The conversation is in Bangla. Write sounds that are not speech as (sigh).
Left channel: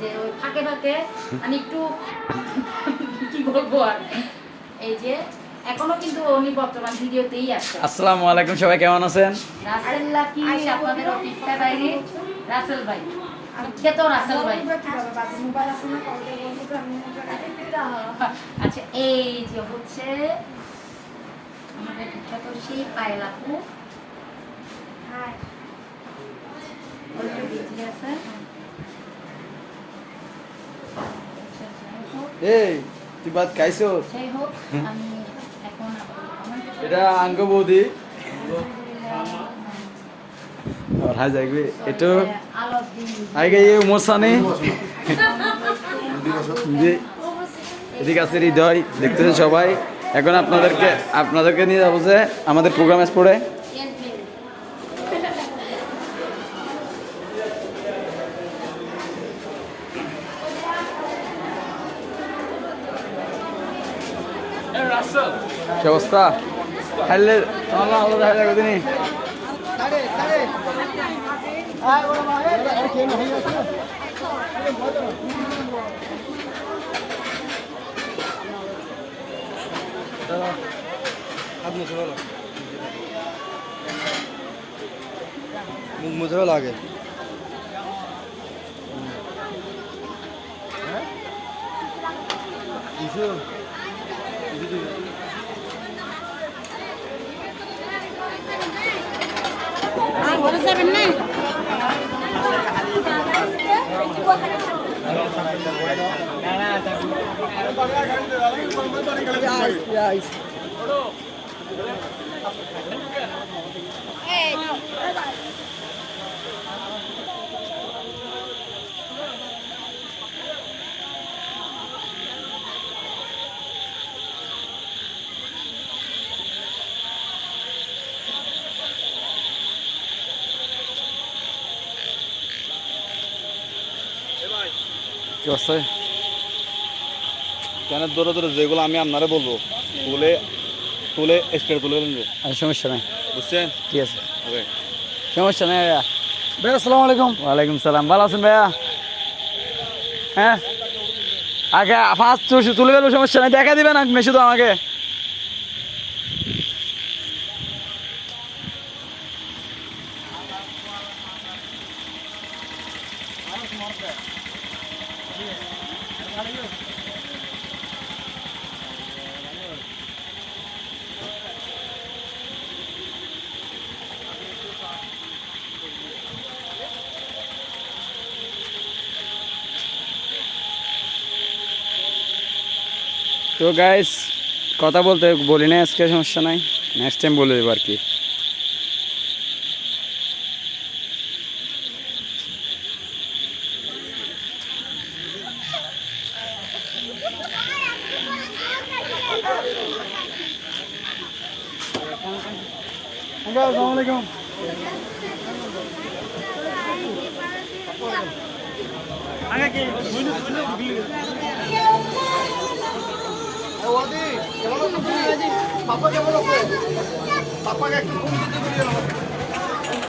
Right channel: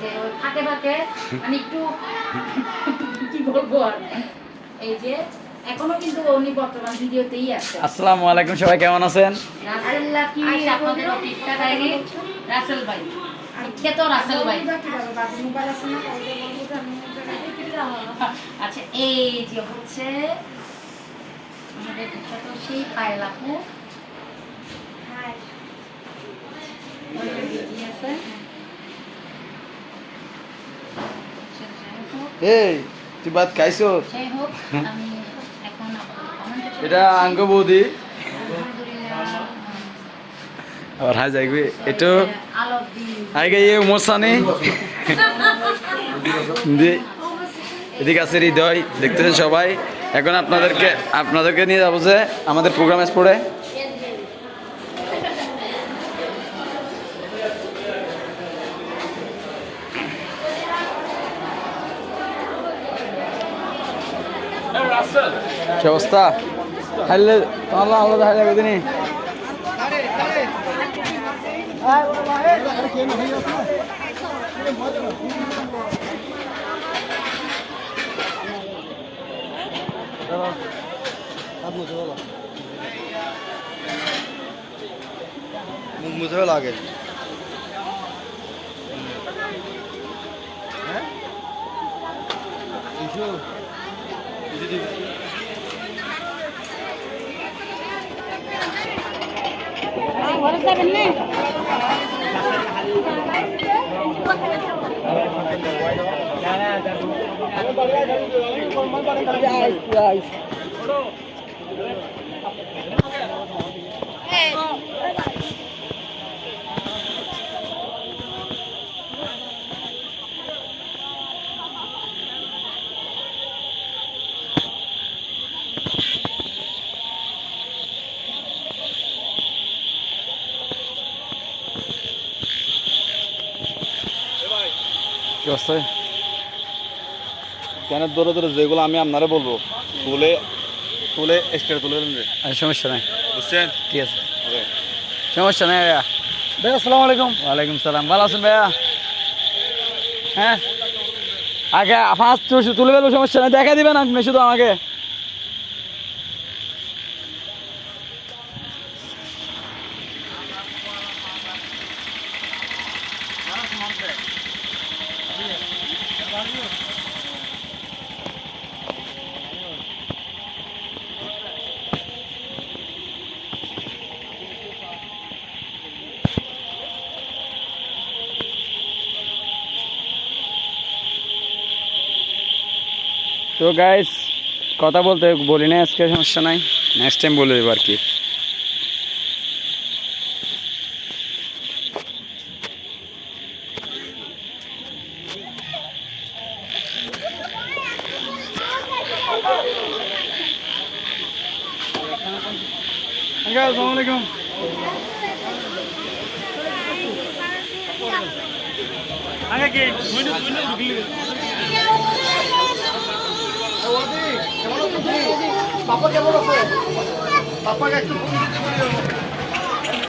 যে ওই ফাঁকে ফাঁকে মানে একটু (laughs) কি বলব আর? এই যে এখনও কিন্তু উনি বর্তমান ভিডিওতেই আছে। আসসালামু আলাইকুম সবাই কেমন আছেন? রাসেল লাকি আপনাদের অতিথিটা বাইরে রাসেল ভাই বিখ্যাত রাসেল ভাই। আচ্ছা এই যে হচ্ছে আমাদের বিখ্যাত সেই পায়েল আপু। আছে এই তুই খাইছো এটা আঙ্গ বৌদি আর যাইবে এদিকে আছে হৃদয় দেখতেছেন সবাই। এখন আপনাদেরকে আপনাদেরকে নিয়ে যাব যে আমাদের প্রোগ্রাম স্পোর্টে কি অবস্থা? হাইলে আল্লাহ আল্লাহ হাইলে দিনি মুঝে Guys. কি অবস্থা? কেন দৌড়ে দৌড়ে যেগুলো আমি আপনারে বলব তুলে তুলে স্টেট তুলে দিন আচ্ছা সমস্যা নাই। বুঝছেন? ঠিক আছে? সমস্যা নাই ভাইয়া। ভাইয়া আসসালামু আলাইকুম। ওয়ালাইকুম সালাম। ভালো আছেন ভাইয়া? হ্যাঁ? আগে ফার্স্ট তুলে গেল সমস্যা নাই। দেখা দিবেন আপনি শুধু আমাকে। তো গাইস কথা বলতে বলি না আজকে সমস্যা নাই। নেক্সট টাইম বলে দেবো আর কি। আলাইকুম পাপা কেমন আছে পাপাকে একটু